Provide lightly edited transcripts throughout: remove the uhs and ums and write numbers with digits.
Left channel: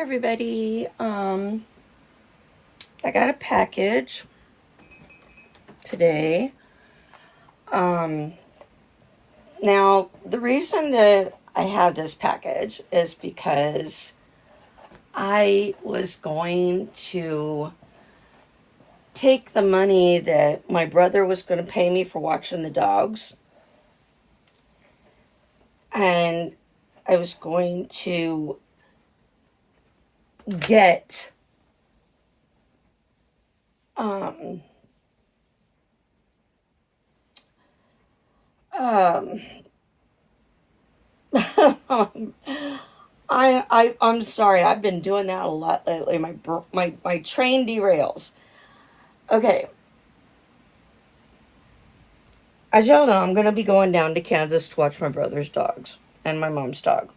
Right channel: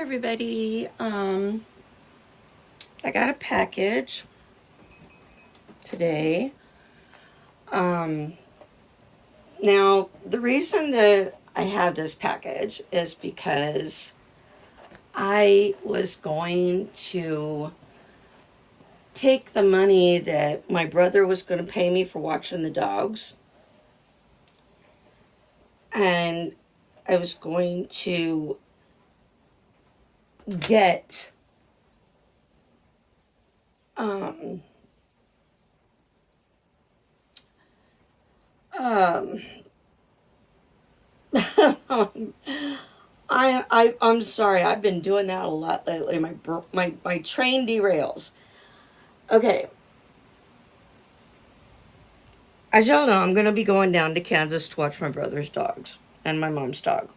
Everybody. I got a package today. Now the reason that I have this package is because I was going to take the money that my brother was going to pay me for watching the dogs, and I was going to get um, um, I'm sorry. I've been doing that a lot lately. My train derails. Okay, as y'all know, I'm gonna be going down to Kansas to watch my brother's dogs and my mom's dog.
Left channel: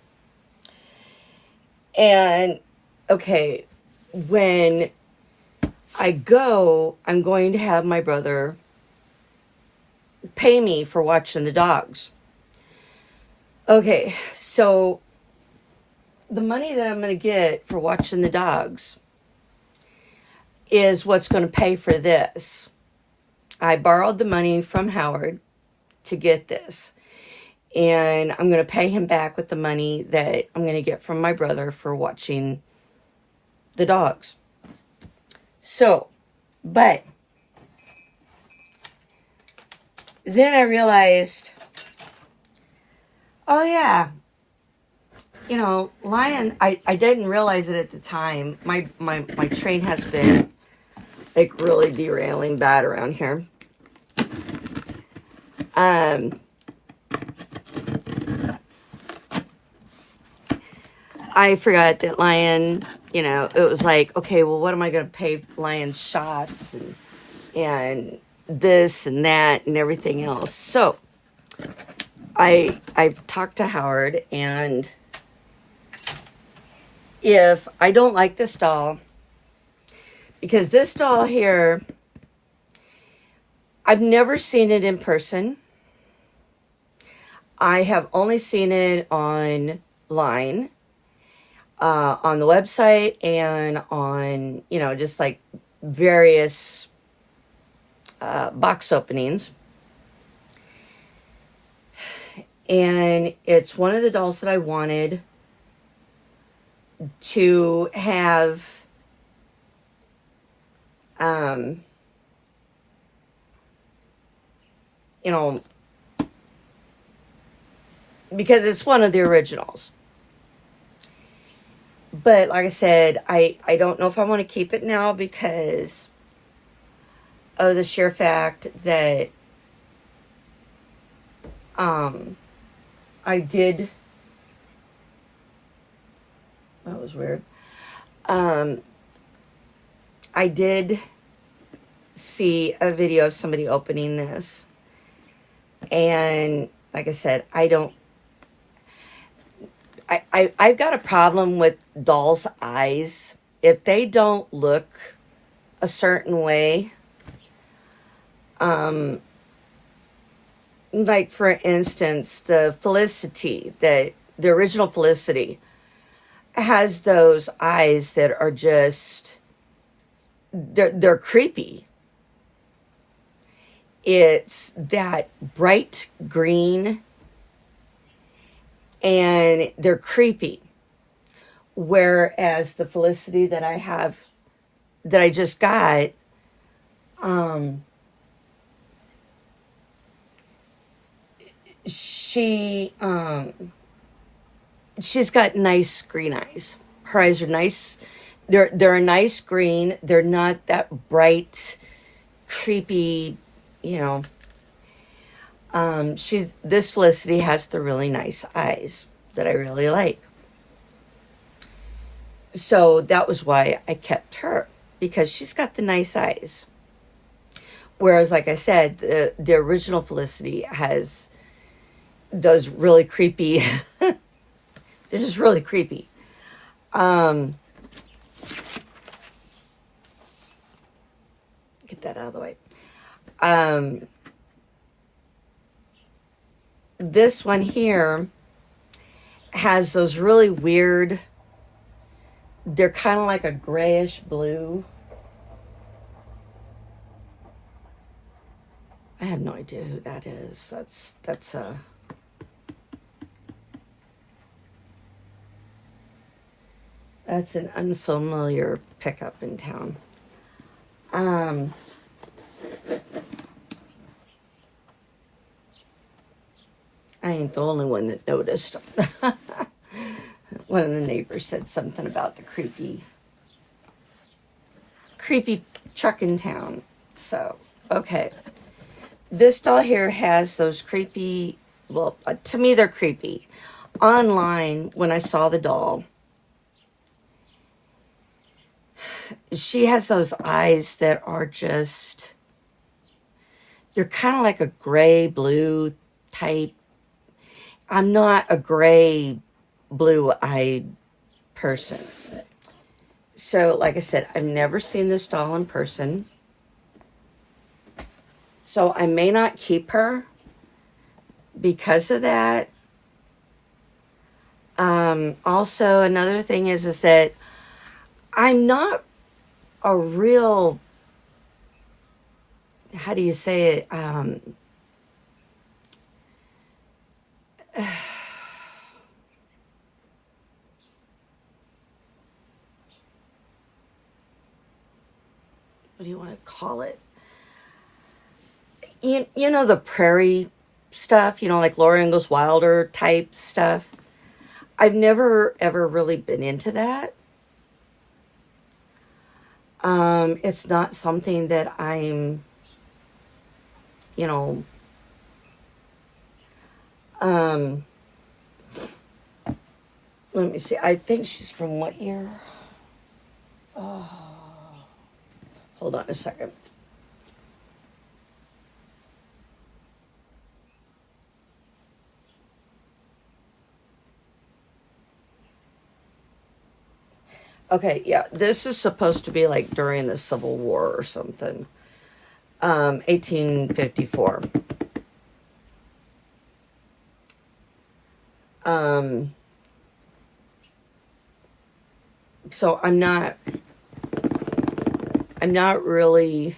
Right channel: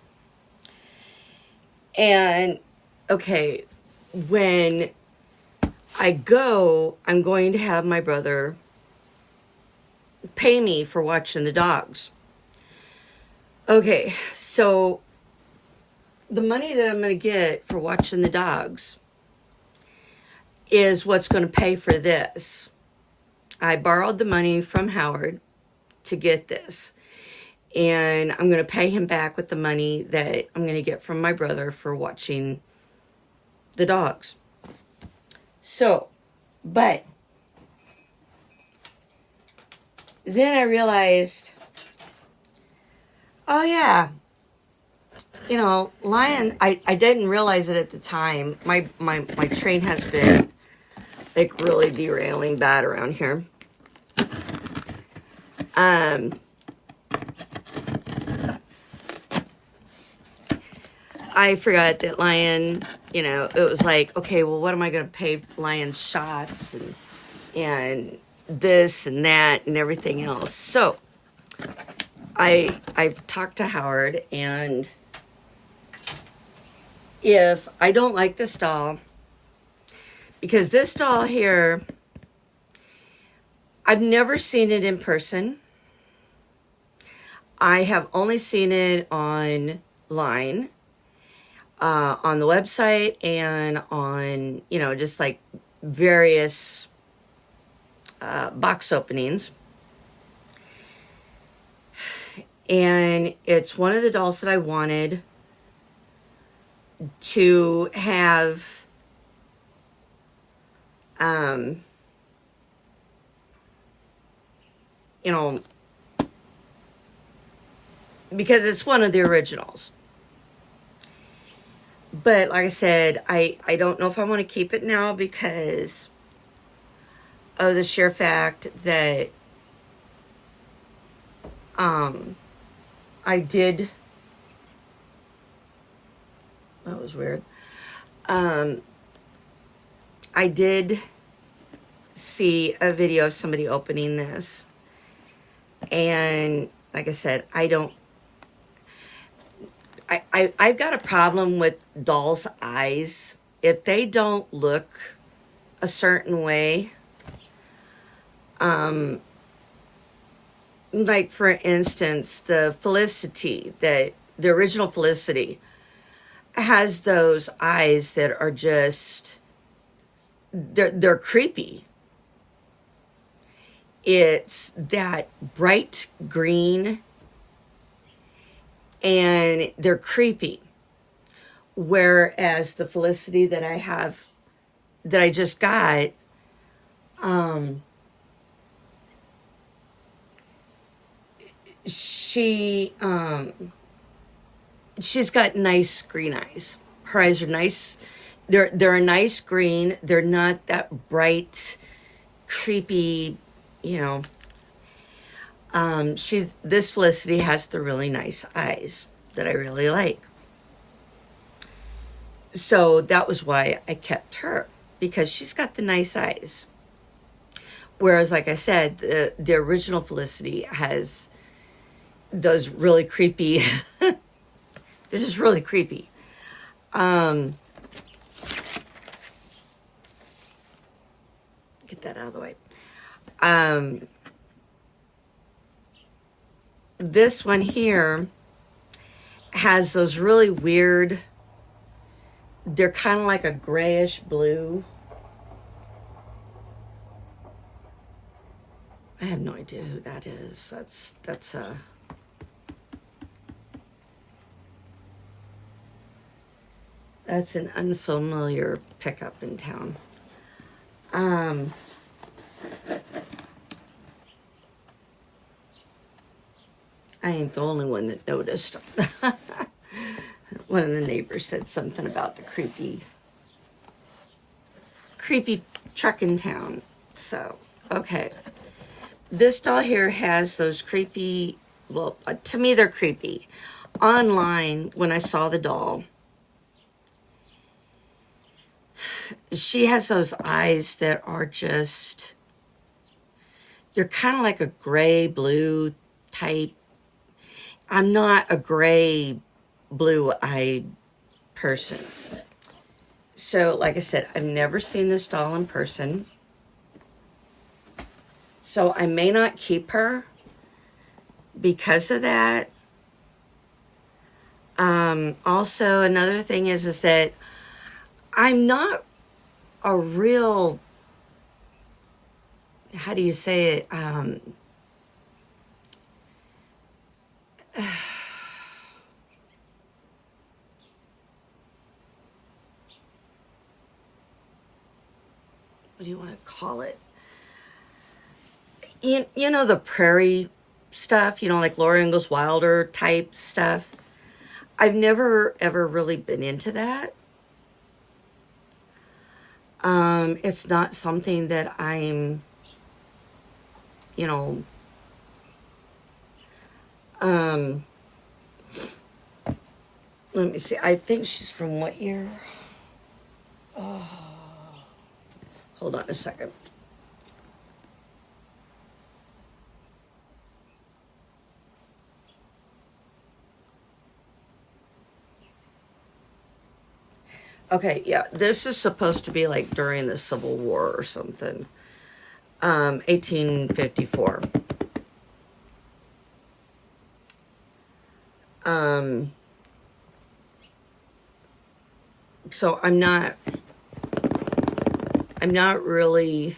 And okay, when I go, I'm going to have my brother pay me for watching the dogs. Okay, so the money that I'm going to get for watching the dogs is what's going to pay for this. I borrowed the money from Howard to get this, and I'm going to pay him back with the money that I'm going to get from my brother for watching the dogs. So, but then I realized, oh yeah, Lion, I didn't realize it at the time. My train has been like really derailing bad around here. I forgot that Lion, it was like, okay, well, what am I going to pay Lion's shots and this and that and everything else. So I talked to Howard, and if I don't like this doll, because this doll here, I've never seen it in person. I have only seen it online, on the website, and on, just like various box openings. And it's one of the dolls that I wanted to have because it's one of the originals. But like I said, I don't know if I want to keep it now because of the sheer fact that I did, that was weird. I did see a video of somebody opening this, and like I said, I've got a problem with dolls' eyes. If they don't look a certain way, like for instance, the original Felicity has those eyes that are just, they're creepy. It's that bright green, and they're creepy. Whereas the Felicity that I just got, she's got nice green eyes. Her eyes are nice. They're a nice green. They're not that bright, creepy, this Felicity has the really nice eyes that I really like. So that was why I kept her, because she's got the nice eyes. Whereas, like I said, the original Felicity has those really creepy, they're just really creepy. Get that out of the way. This one here has those really weird They're kind of like a grayish blue. I have no idea who that is. That's an unfamiliar pickup in town. I ain't the only one that noticed. One of the neighbors said something about the creepy truck in town. So, okay. This doll here has those creepy, well, to me they're creepy. Online, when I saw the doll, she has those eyes that are just, they're kind of like a gray blue type. I'm not a gray blue-eyed person. So, like I said, I've never seen this doll in person. So I may not keep her because of that. Also, another thing is that I'm not a real, how do you say it? What do you want to call it? You know, the prairie stuff, like Laura Ingalls Wilder type stuff. I've never ever really been into that. It's not something that I'm, let me see. I think she's from what year? Oh, hold on a second. Okay, yeah, this is supposed to be like during the Civil War or something. 1854. So I'm not really,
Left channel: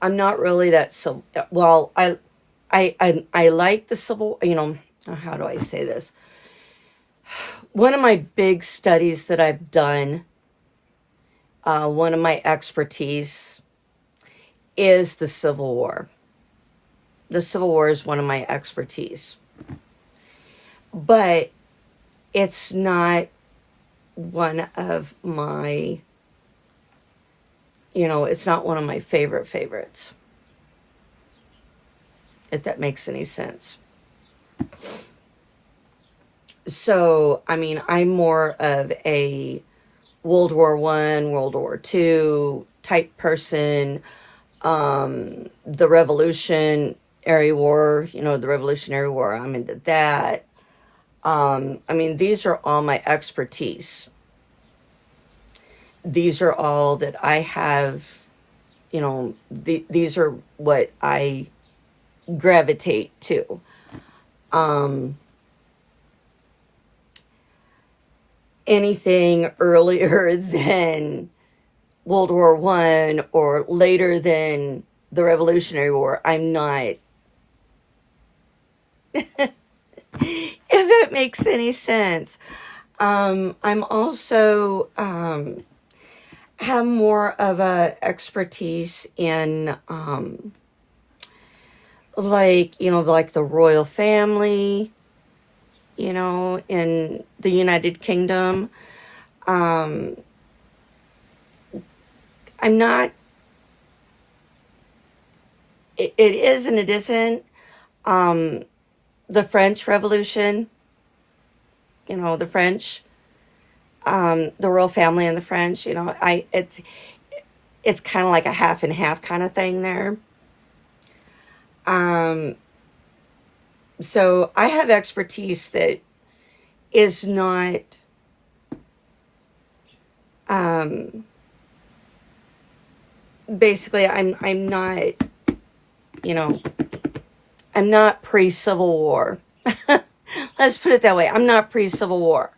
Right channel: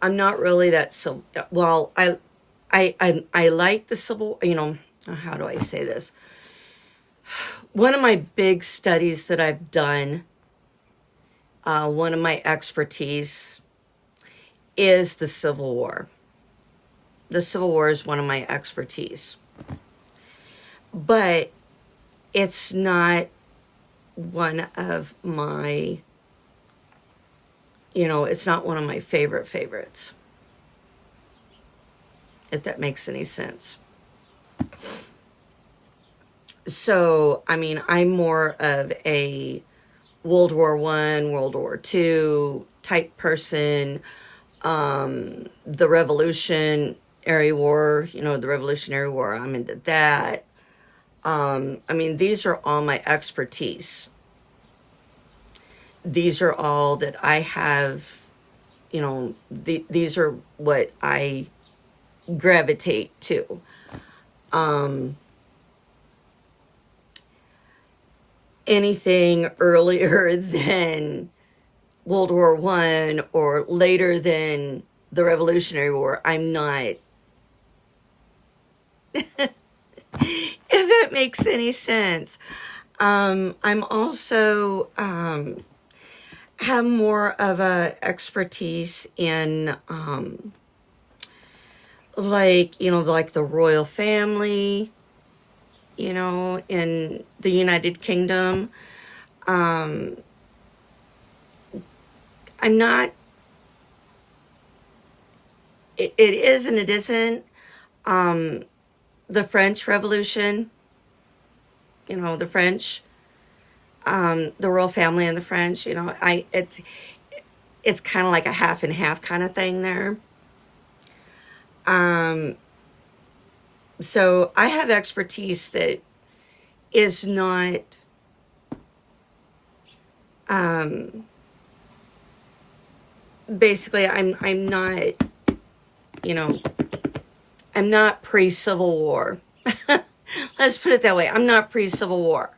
I'm not really that, so, well, I like the Civil, how do I say this? One of my big studies that I've done, one of my expertise is the Civil War. The Civil War is one of my expertise. But it's not one of my, it's not one of my favorites. If that makes any sense. So, I mean, I'm more of a World War I, World War II type person. The Revolutionary War, the Revolutionary War, I'm into that. I mean, these are all my expertise. These are all that I have, these are what I gravitate to. Anything earlier than World War I or later than the Revolutionary War, I'm not. If it makes any sense. I'm also have more of a expertise in like the royal family, in the United Kingdom. I'm not, it is and it isn't. The French Revolution, the French, the royal family and the French, it's kind of like a half and half kind of thing there. So I have expertise that is not, basically I'm not you know, I'm not pre-Civil War. Let's put it that way. I'm not pre-Civil War.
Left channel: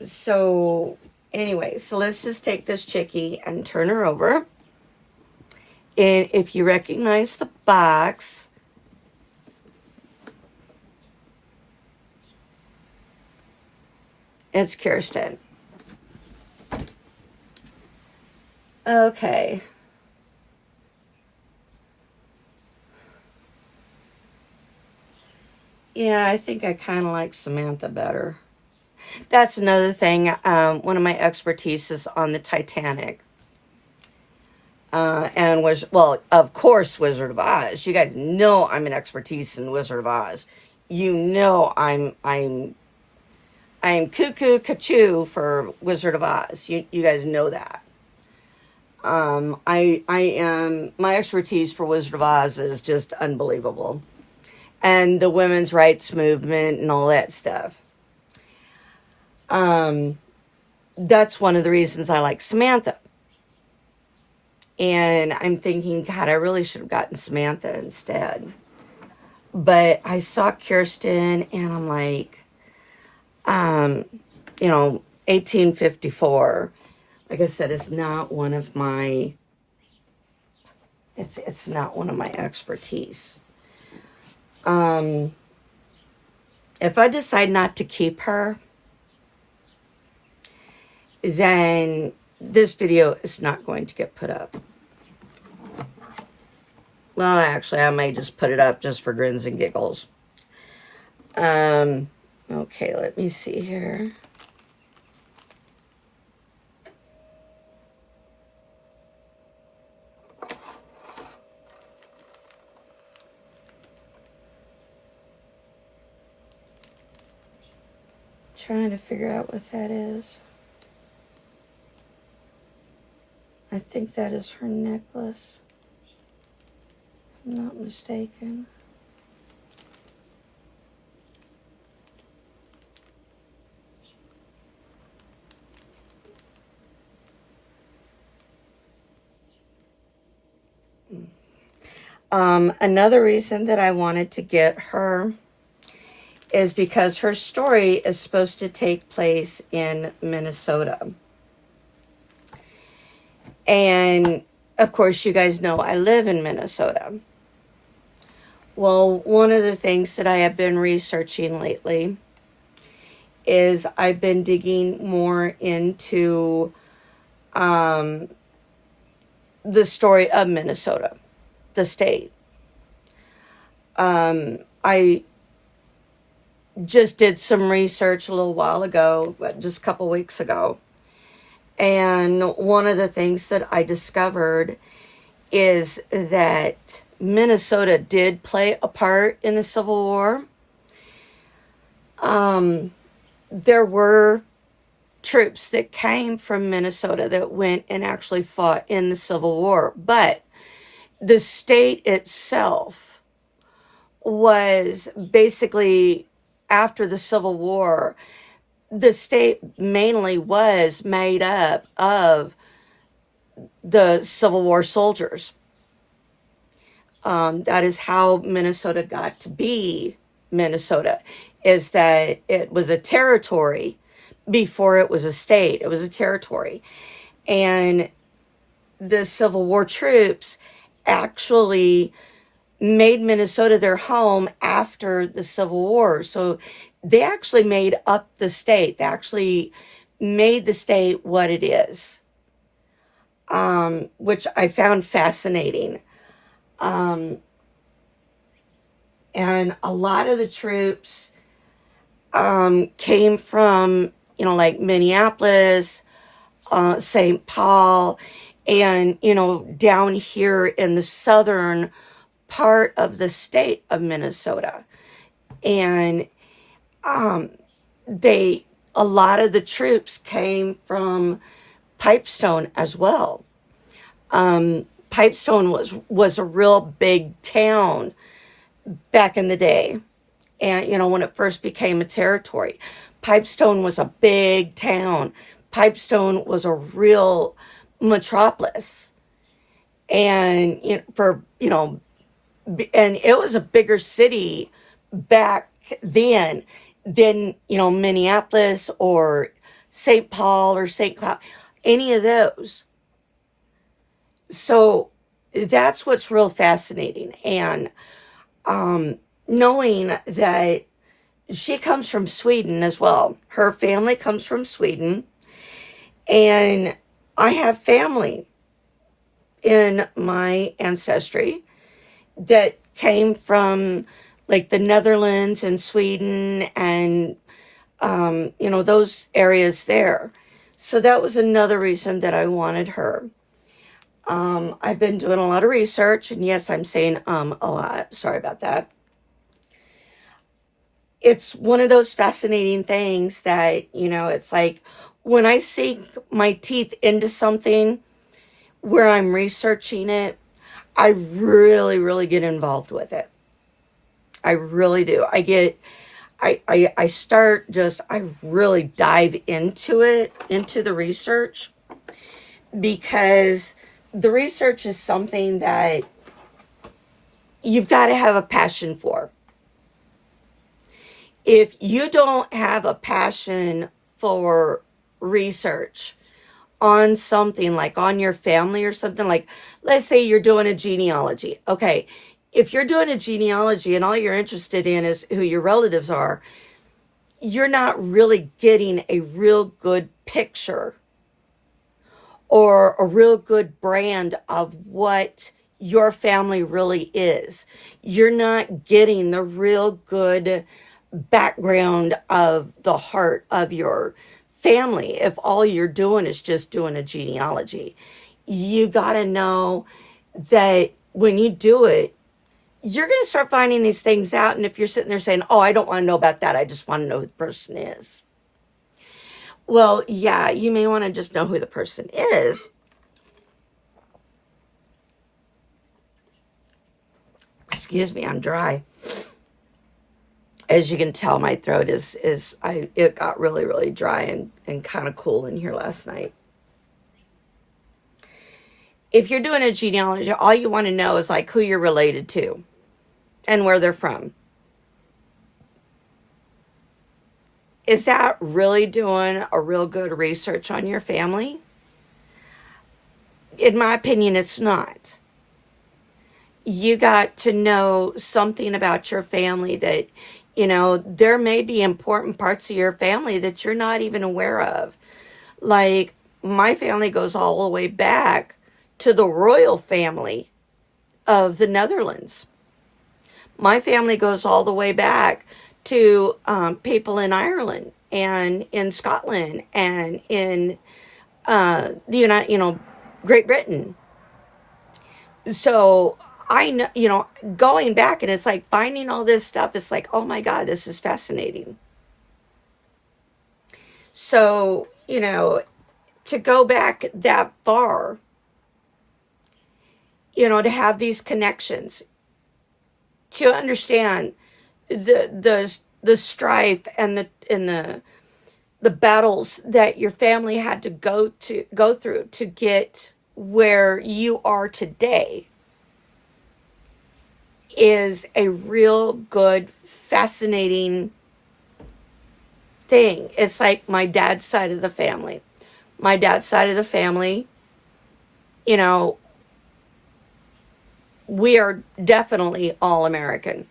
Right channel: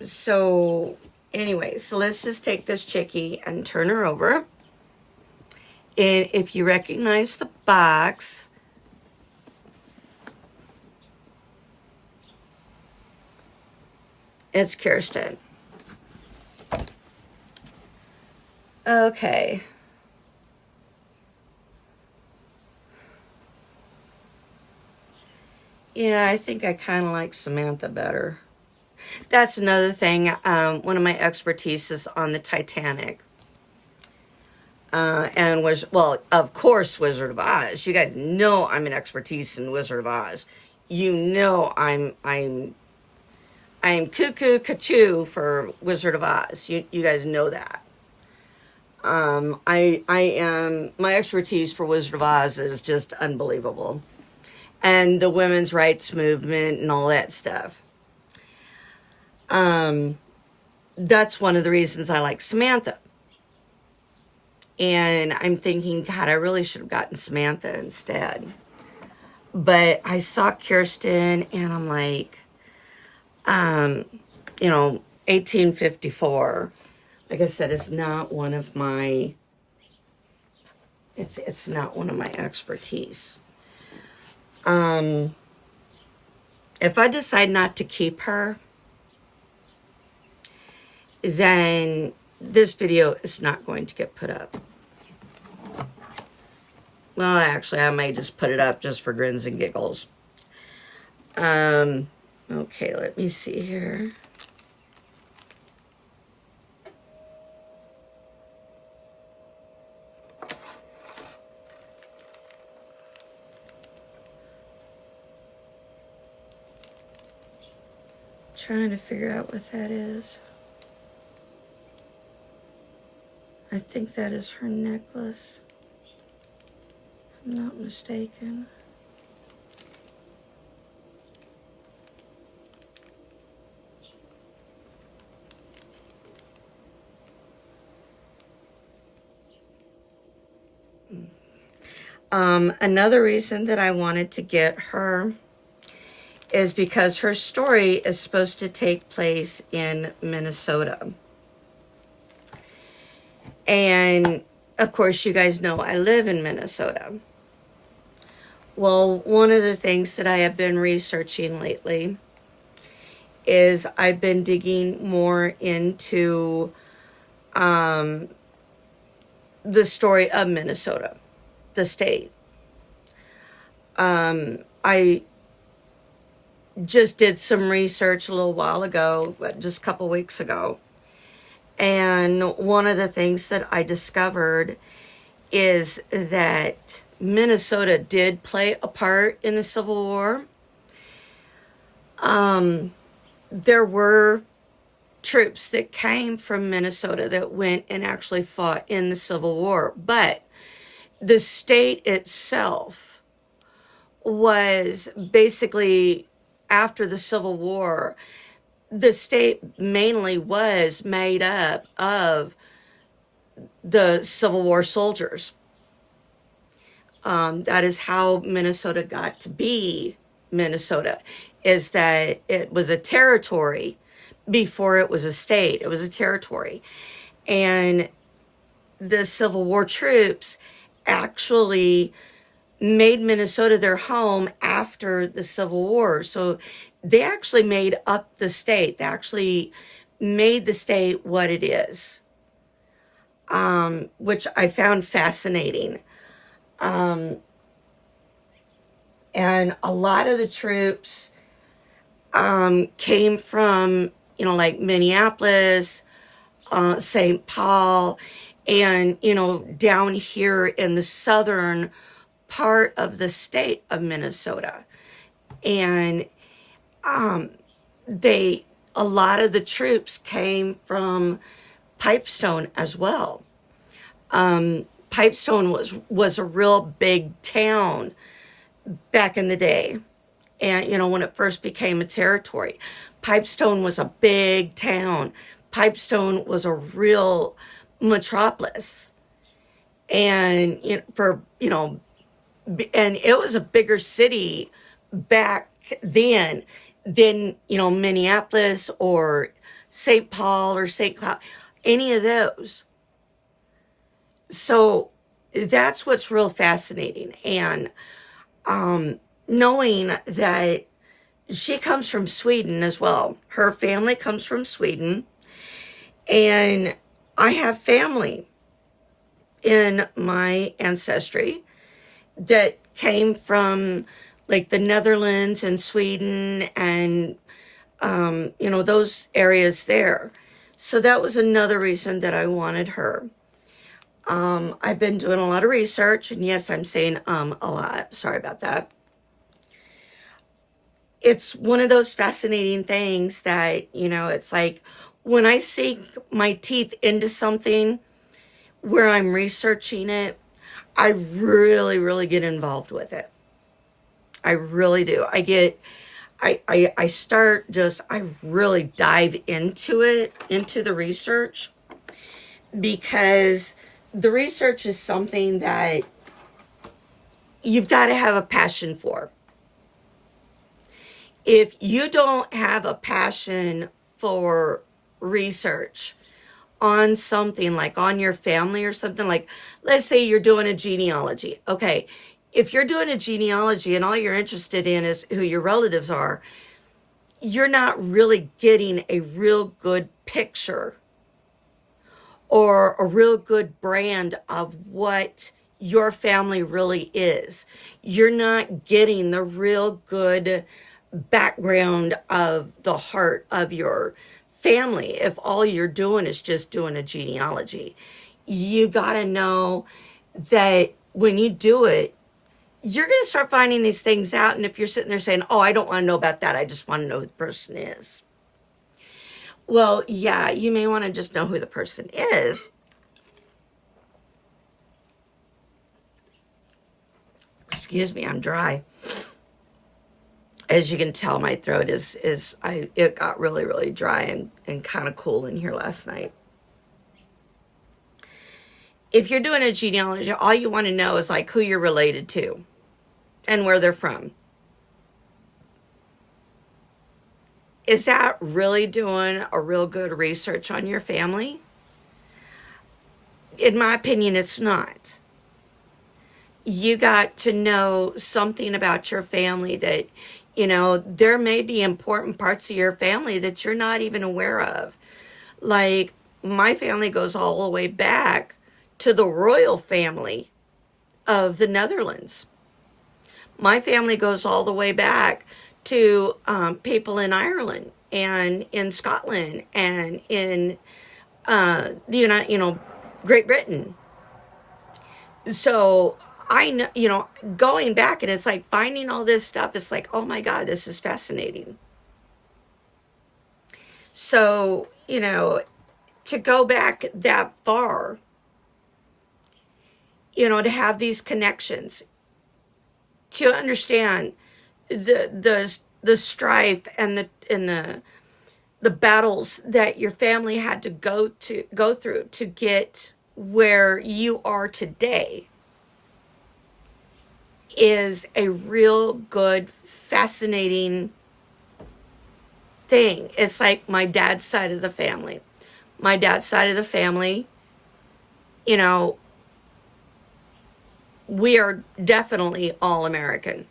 So anyway, so let's just take this chickie and turn her over. And if you recognize the box, it's Kirsten. Okay. Yeah, I think I kind of like Samantha better. That's another thing. One of my expertise is on the Titanic. And was, well, of course, Wizard of Oz. You guys know I'm an expertise in Wizard of Oz. You know I'm cuckoo cachoo for Wizard of Oz. You guys know that. I am, my expertise for Wizard of Oz is just unbelievable. And the women's rights movement and all that stuff. That's one of the reasons I like Samantha. And I'm thinking, God, I really should have gotten Samantha instead. But I saw Kirsten and I'm like, 1854. Like I said, it's not one of my, it's not one of my expertise. If I decide not to keep her, then this video is not going to get put up. Well, actually, I may just put it up just for grins and giggles. Okay, let me see here. Trying to figure out what that is. I think that is her necklace. If I'm not mistaken. Another reason that I wanted to get her is because her story is supposed to take place in Minnesota. And, of course, you guys know I live in Minnesota. Well, one of the things that I have been researching lately is I've been digging more into the story of Minnesota, the state. I just did some research a little while ago, just a couple weeks ago. And one of the things that I discovered is that Minnesota did play a part in the Civil War. There were troops that came from Minnesota that went and actually fought in the Civil War. But the state itself was basically, after the Civil War, the state mainly was made up of the Civil War soldiers. That is how Minnesota got to be Minnesota, is that it was a territory before it was a state. It was a territory. And the Civil War troops actually made Minnesota their home after the Civil War. So they actually made up the state. They actually made the state what it is, which I found fascinating. And a lot of the troops came from, like Minneapolis, St. Paul, and, down here in the southern part of the state of Minnesota. And a lot of the troops came from Pipestone as well. Pipestone was a real big town back in the day. And, when it first became a territory, Pipestone was a big town. Pipestone was a real metropolis. And and it was a bigger city back then than, Minneapolis or St. Paul or St. Cloud, any of those. So that's what's real fascinating. And knowing that she comes from Sweden as well. Her family comes from Sweden. And I have family in my ancestry that came from like the Netherlands and Sweden and, those areas there. So that was another reason that I wanted her. I've been doing a lot of research, and yes, I'm saying a lot. Sorry about that. It's one of those fascinating things that, it's like when I sink my teeth into something where I'm researching it, I really, really get involved with it. I really do. I start I really dive into it, into the research, because the research is something that you've got to have a passion for. If you don't have a passion for research on something, like on your family or something, like let's say you're doing a genealogy. Okay, if you're doing a genealogy and all you're interested in is who your relatives are, you're not really getting a real good picture or a real good brand of what your family really is. You're not getting the real good background of the heart of your family if all you're doing is just doing a genealogy. You got to know that when you do it, you're going to start finding these things out. And if you're sitting there saying, oh, I don't want to know about that, I just want to know who the person is. Well, yeah, you may want to just know who the person is. Excuse me, I'm dry. As you can tell, my throat it got really, really dry and kind of cool in here last night. If you're doing a genealogy, all you want to know is like who you're related to and where they're from. Is that really doing a real good research on your family? In my opinion, it's not. You got to know something about your family that, there may be important parts of your family that you're not even aware of. Like, my family goes all the way back to the royal family of the Netherlands. My family goes all the way back to people in Ireland and in Scotland and in Great Britain. So I know, going back, and it's like finding all this stuff. It's like, oh my God, this is fascinating. So, to go back that far, to have these connections, to understand the strife and the battles that your family had to go through to get where you are today, is a real good, fascinating thing. It's like my dad's side of the family. My dad's side of the family, we are definitely all American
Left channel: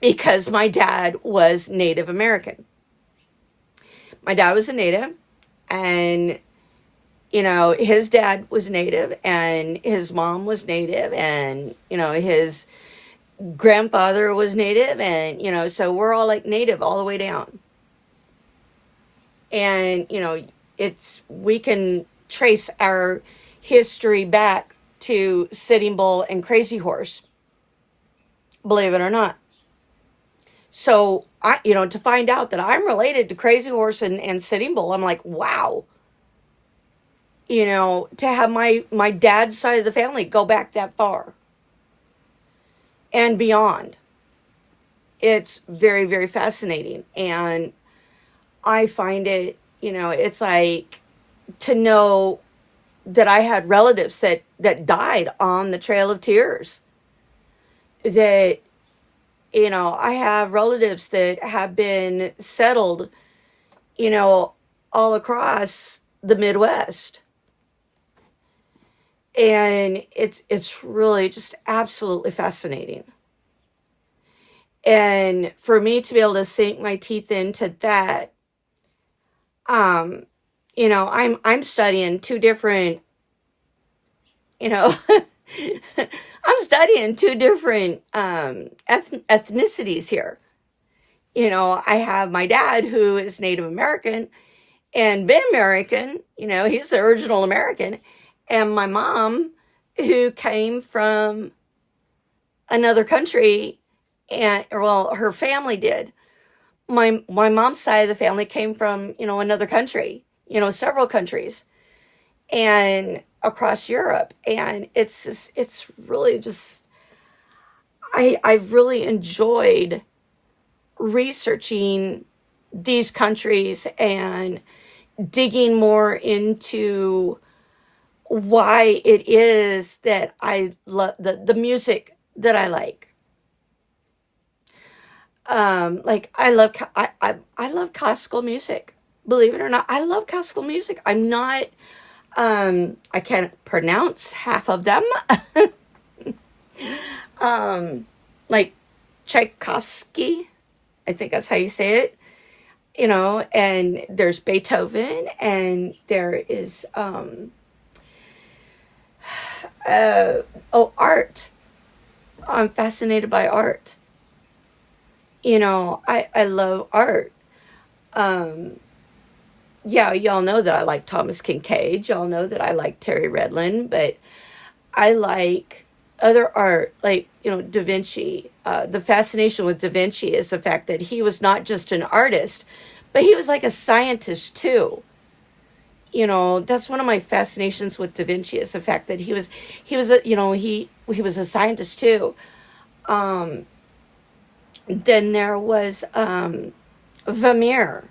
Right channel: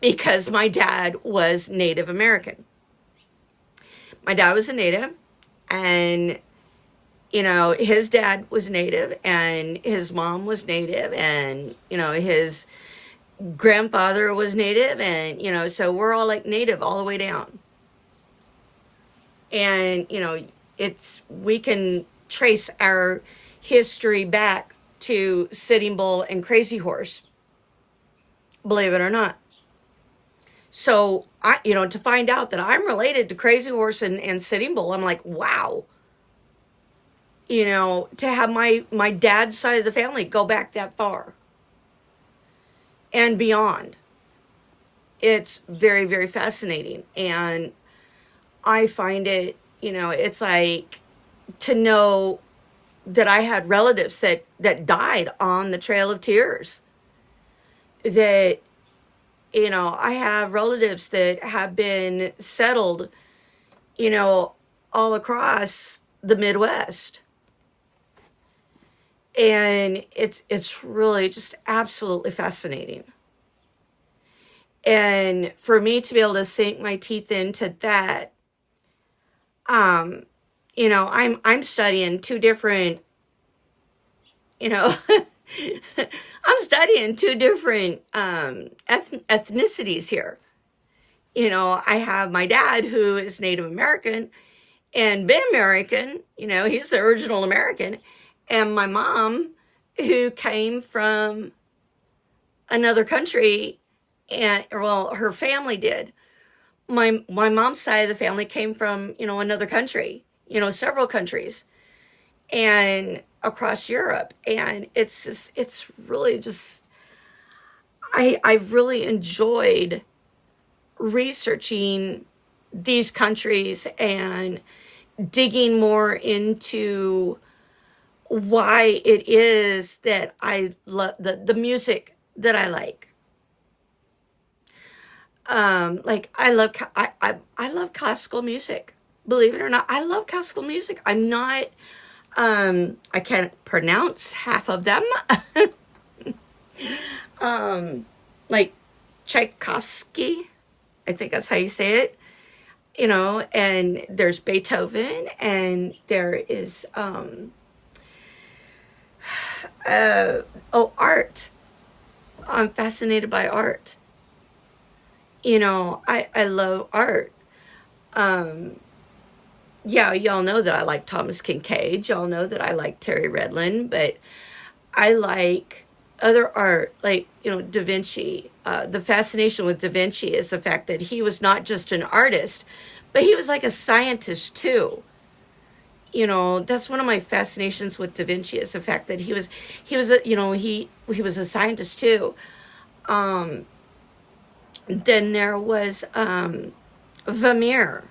because my dad was Native American. My dad was a Native, and, his dad was Native, and his mom was Native, and, his grandfather was Native, and, so we're all like Native all the way down. And, we can trace our history back to Sitting Bull and Crazy Horse, believe it or not. So to find out that I'm related to Crazy Horse and Sitting Bull, I'm like, wow. To have my dad's side of the family go back that far and beyond. It's very, very fascinating. And I find it, it's like to know that I had relatives that died on the Trail of Tears. That, I have relatives that have been settled, all across the Midwest. And it's really just absolutely fascinating. And for me to be able to sink my teeth into that, I'm studying two different, I'm studying two different ethnicities here. I have my dad who is Native American and been American, he's the original American, and my mom who came from another country, and well, her family did. My mom's side of the family came from, another country, several countries, and across Europe. And it's really just, I've really enjoyed researching these countries and digging more into why it is that I love the music that I like. Like I love classical music. Believe it or not, I love classical music. I'm not, I can't pronounce half of them. Like Tchaikovsky, I think that's how you say it. And there's Beethoven, and there is, art. I'm fascinated by art. I love art. Yeah, y'all know that I like Thomas Kincaid. Y'all know that I like Terry Redlin, but I like other art, like, Da Vinci. The fascination with Da Vinci is the fact that he was not just an artist, but he was like a scientist too. That's one of my fascinations with Da Vinci, is the fact that he was he was a scientist too. Then there was Vermeer.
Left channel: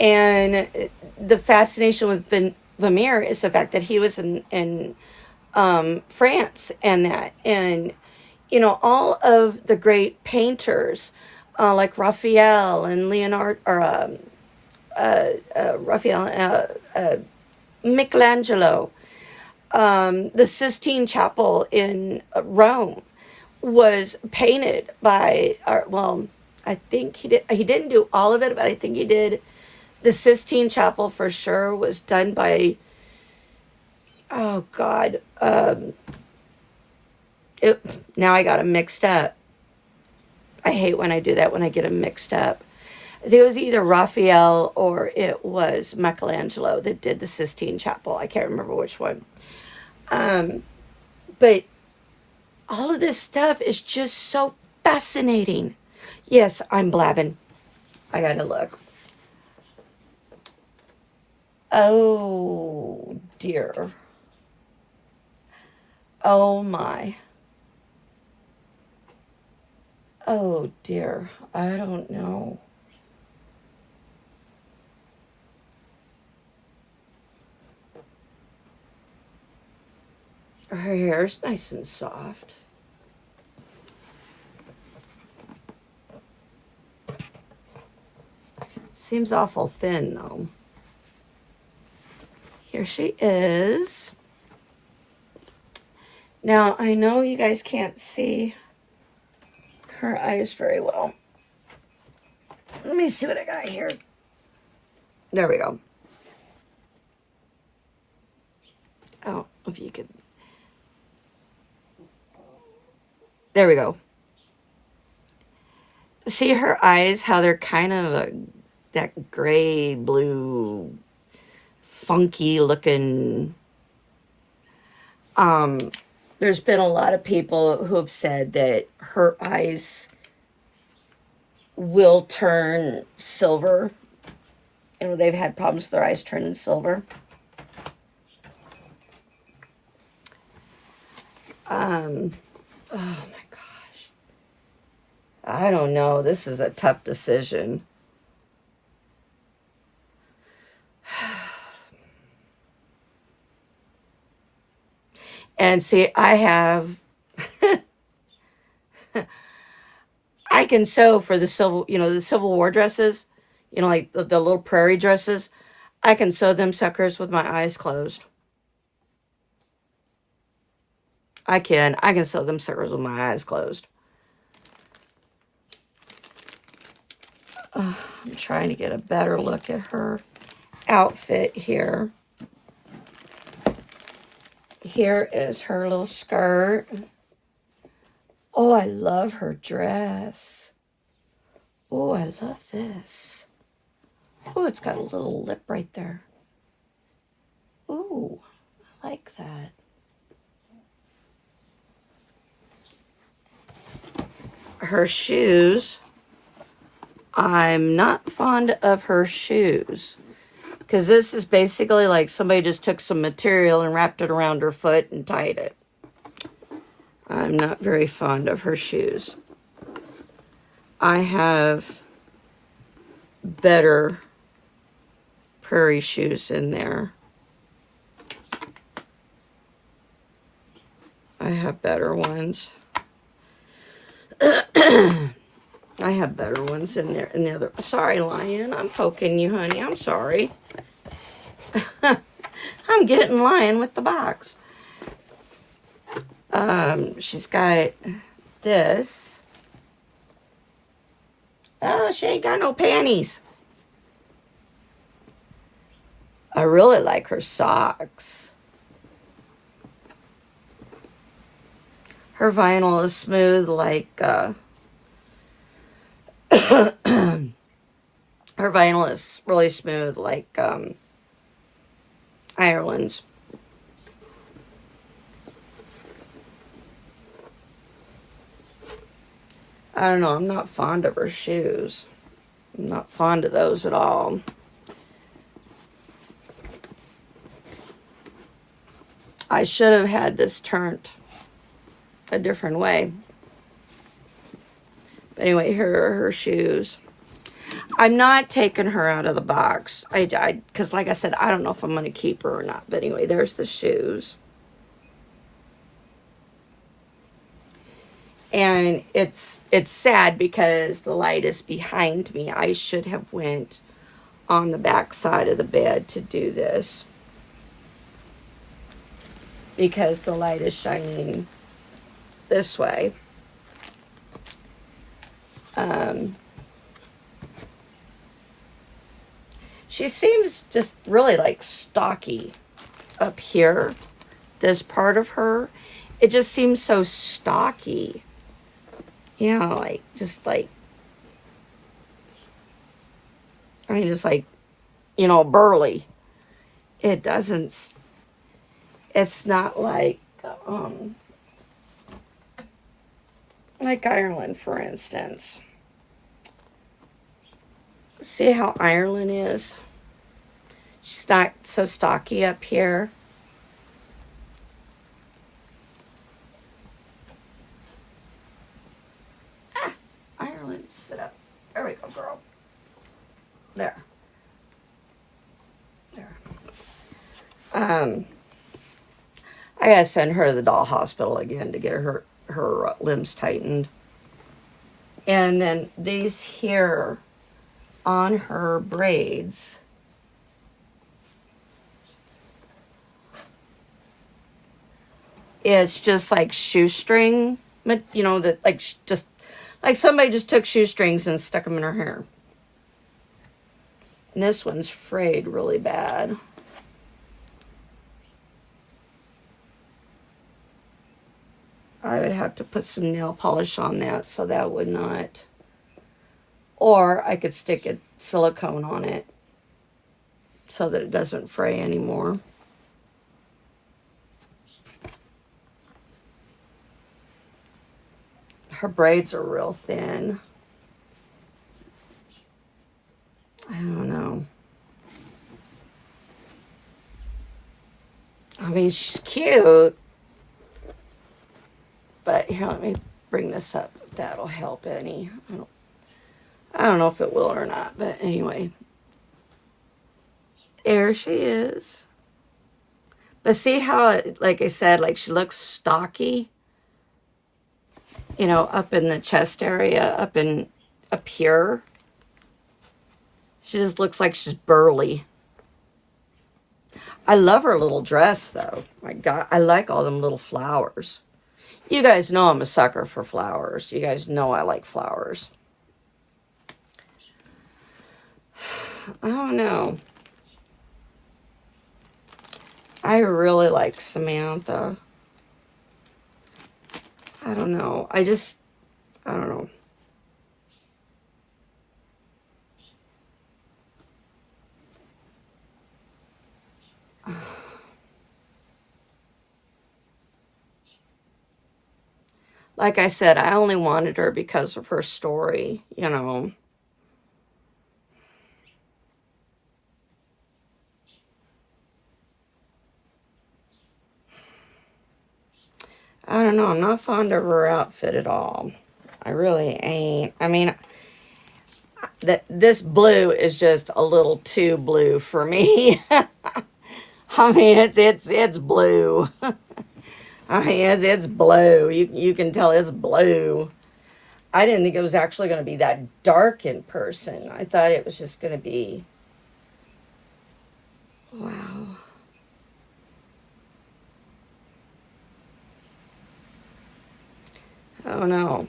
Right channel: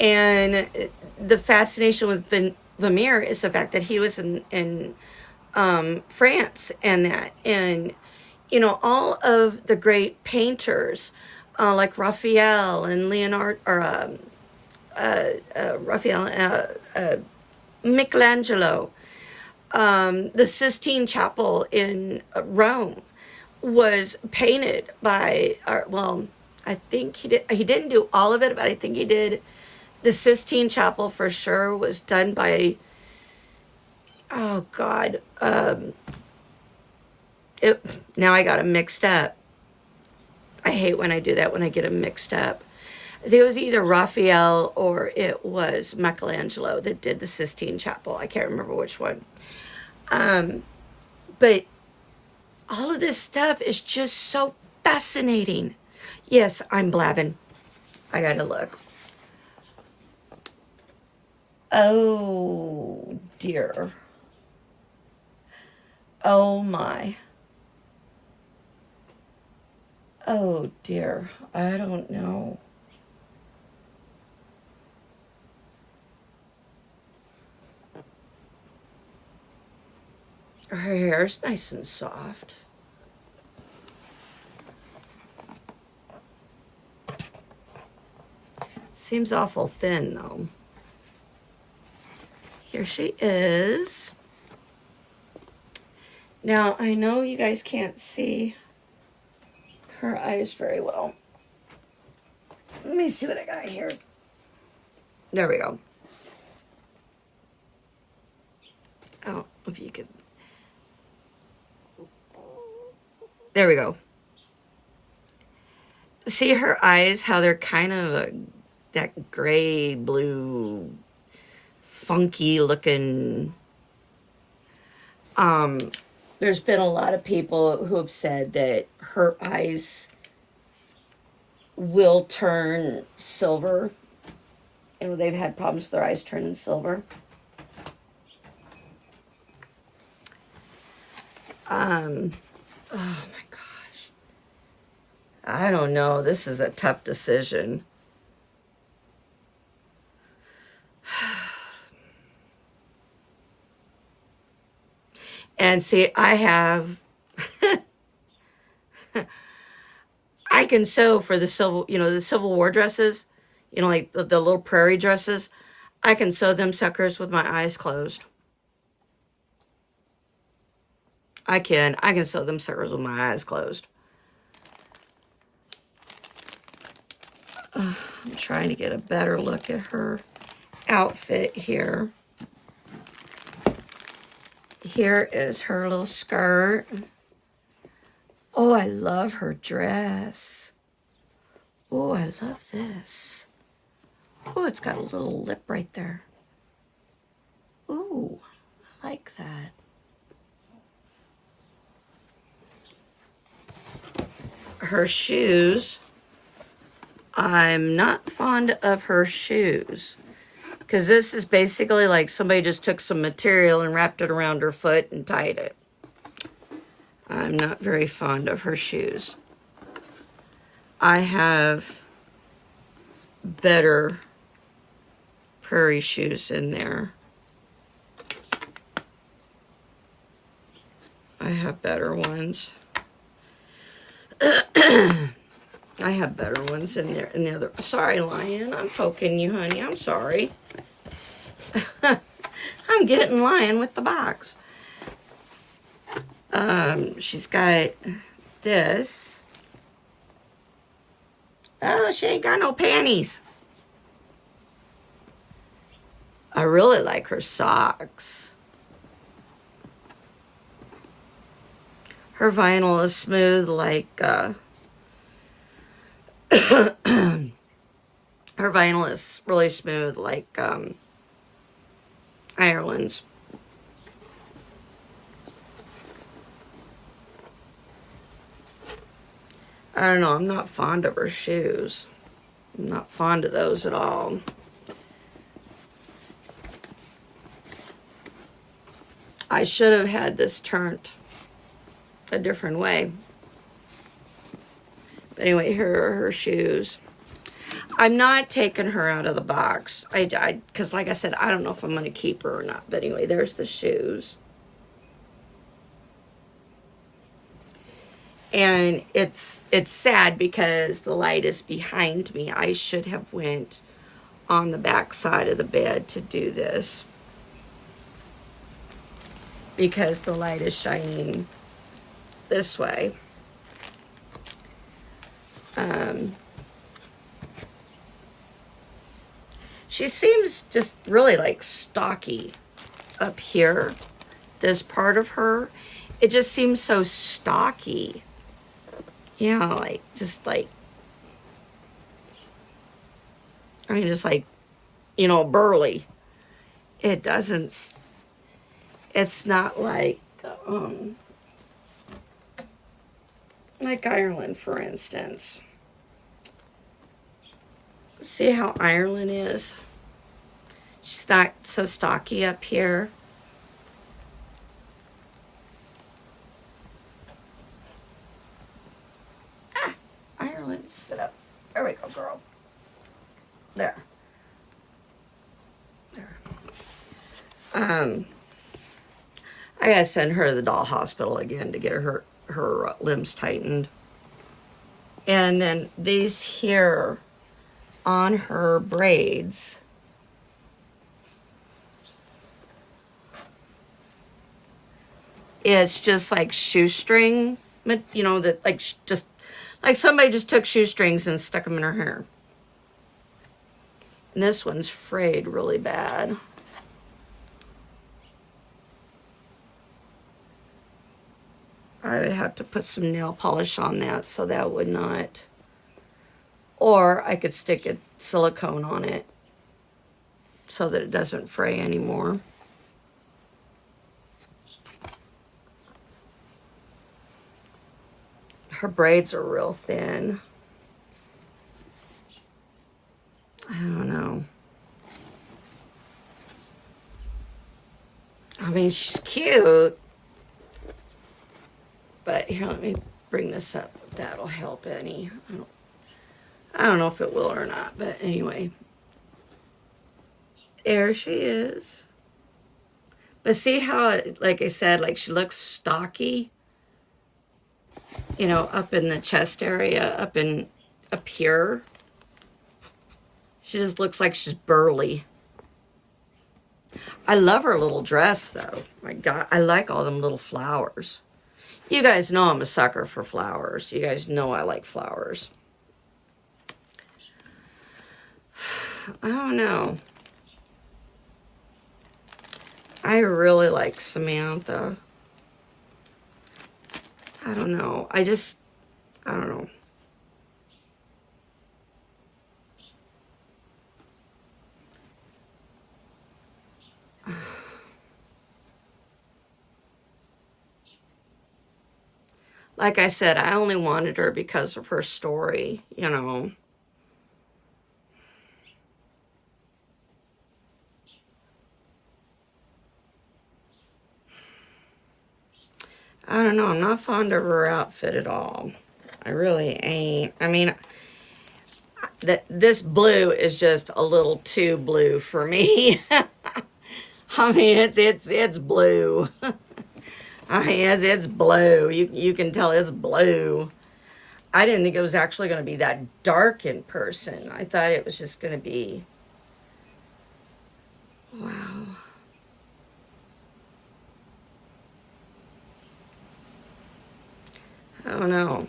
And the fascination with Vermeer is the fact that he was in France, and that. And, all of the great painters, like Raphael and Leonardo, or Raphael, Michelangelo, the Sistine Chapel in Rome was painted by, I think he didn't do all of it, but I think he did. The Sistine Chapel for sure was done by, oh God, now I got them mixed up. I hate when I do that, when I get them mixed up. I think it was either Raphael or it was Michelangelo that did the Sistine Chapel. I can't remember which one. But all of this stuff is just so fascinating. Yes, I'm blabbing. I gotta look. Oh dear. Oh my. Oh dear. I don't know. Her hair's nice and soft. Seems awful thin though. Here she is. Now, I know you guys can't see her eyes very well. Let me see what I got here. There we go. Oh, if you could. There we go. See her eyes, how they're kind of that gray, blue, funky looking. There's been a lot of people who have said that her eyes will turn silver. They've had problems with their eyes turning silver. Oh my gosh. I don't know. This is a tough decision. And see, I can sew for the Civil War dresses, like the little prairie dresses. I can sew them suckers with my eyes closed. I can sew them suckers with my eyes closed. I'm trying to get a better look at her outfit here. Here is her little skirt. Oh, I love her dress. Oh, I love this. Oh, it's got a little lip right there. Oh, I like that. Her shoes. I'm not fond of her shoes. Because this is basically like somebody just took some material and wrapped it around her foot and tied it. I'm not very fond of her shoes. I have better prairie shoes in there. I have better ones. I have better ones in there. In the other. Sorry, Lion. I'm poking you, honey. I'm sorry. I'm getting Lion with the box. She's got this. Oh, she ain't got no panties. I really like her socks. Her vinyl is smooth like, her vinyl is really smooth like, Ireland's. I don't know, I'm not fond of her shoes. I'm not fond of those at all. I should have had this turned a different way. But anyway, here are her shoes. I'm not taking her out of the box. Because like I said, I don't know if I'm going to keep her or not. But anyway, there's the shoes. And it's sad because the light is behind me. I should have went on the back side of the bed to do this. Because the light is shining this way. She seems just really like stocky up here. This part of her, it just seems so stocky. Just like, burly. It doesn't, it's not like Ireland, for instance. See how Ireland is? She's not so stocky up here. Ireland, sit up. There we go, girl. There. I gotta send her to the doll hospital again to get her limbs tightened. And then these here on her braids, it's just like shoestring, that just like somebody just took shoestrings and stuck them in her hair. And this one's frayed really bad. I would have to put some nail polish on that so that would not. Or I could stick a silicone on it so that it doesn't fray anymore. Her braids are real thin. I don't know. I mean, she's cute. But here, let me bring this up. If that'll help any. I don't know if it will or not. But anyway. There she is. But see how, like I said, like she looks stocky, you know, up in the chest area, up here. She just looks like she's burly. I love her little dress, though. My God, I like all them little flowers. You guys know I'm a sucker for flowers. You guys know I like flowers. I don't know. I really like Samantha. I don't know. I don't know. Like I said, I only wanted her because of her story, you know. I don't know. I'm not fond of her outfit at all. I really ain't. I mean, this blue is just a little too blue for me. I mean, it's blue. I mean, it's blue. You can tell it's blue. I didn't think it was actually going to be that dark in person. I thought it was just going to be, wow. I don't know.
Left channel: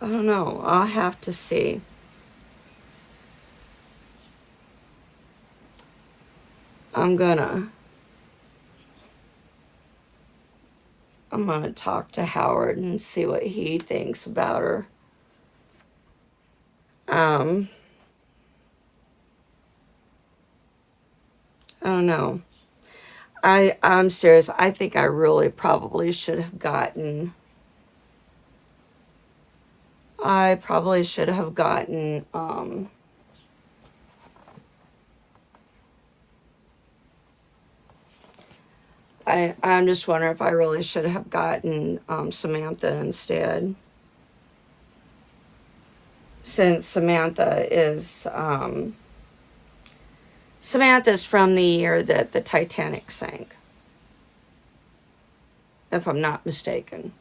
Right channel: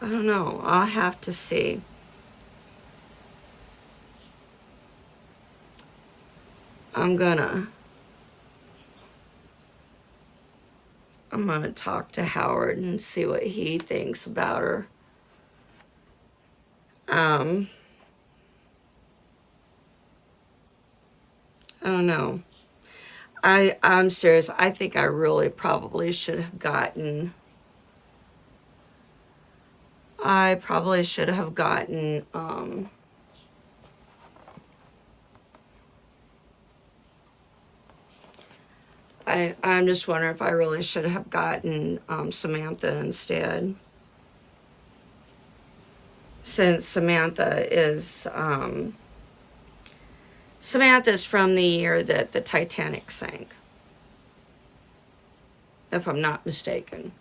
I don't know. I'll have to see. I'm gonna talk to Howard and see what he thinks about her. I don't know. I'm serious. I think I really probably should have gotten. I probably should have gotten. I'm just wondering if I really should have gotten Samantha instead. Since Samantha's from the year that the Titanic sank, if I'm not mistaken.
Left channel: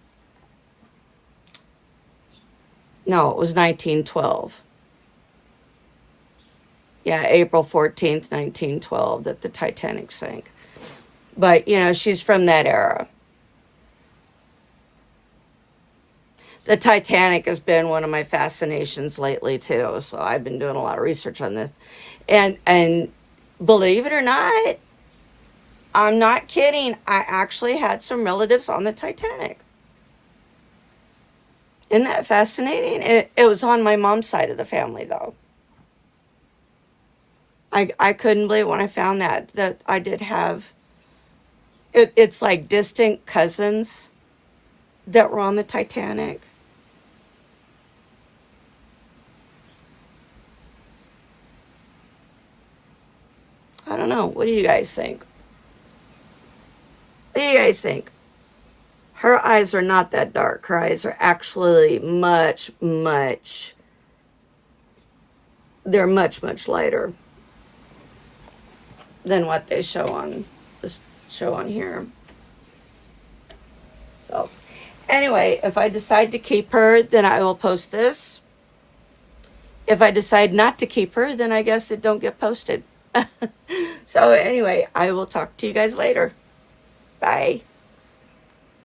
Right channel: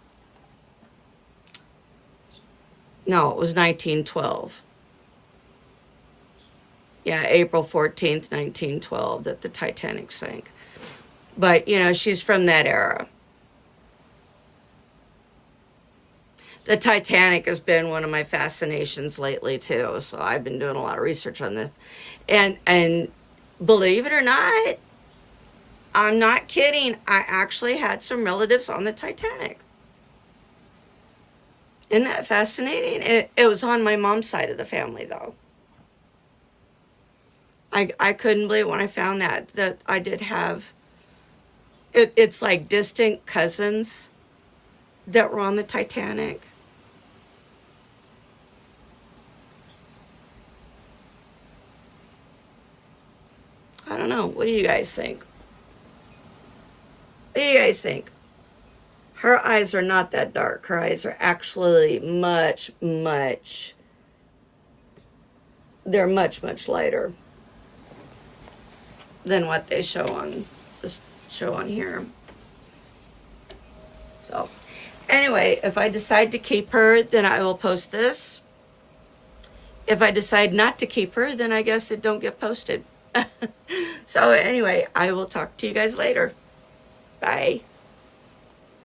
No, it was 1912. Yeah, April 14th, 1912, that the Titanic sank. But, you know, she's from that era. The Titanic has been one of my fascinations lately, too. So I've been doing a lot of research on this. And believe it or not, I'm not kidding. I actually had some relatives on the Titanic. Isn't that fascinating? It was on my mom's side of the family, though. I couldn't believe when I found that I did have... It's like distant cousins that were on the Titanic. I don't know. What do you guys think? What do you guys think? Her eyes are not that dark. Her eyes are actually they're much lighter than what they show on this show on here. So, anyway, if I decide to keep her, then I will post this. If I decide not to keep her, then I guess it don't get posted. So, anyway, I will talk to you guys later. Bye.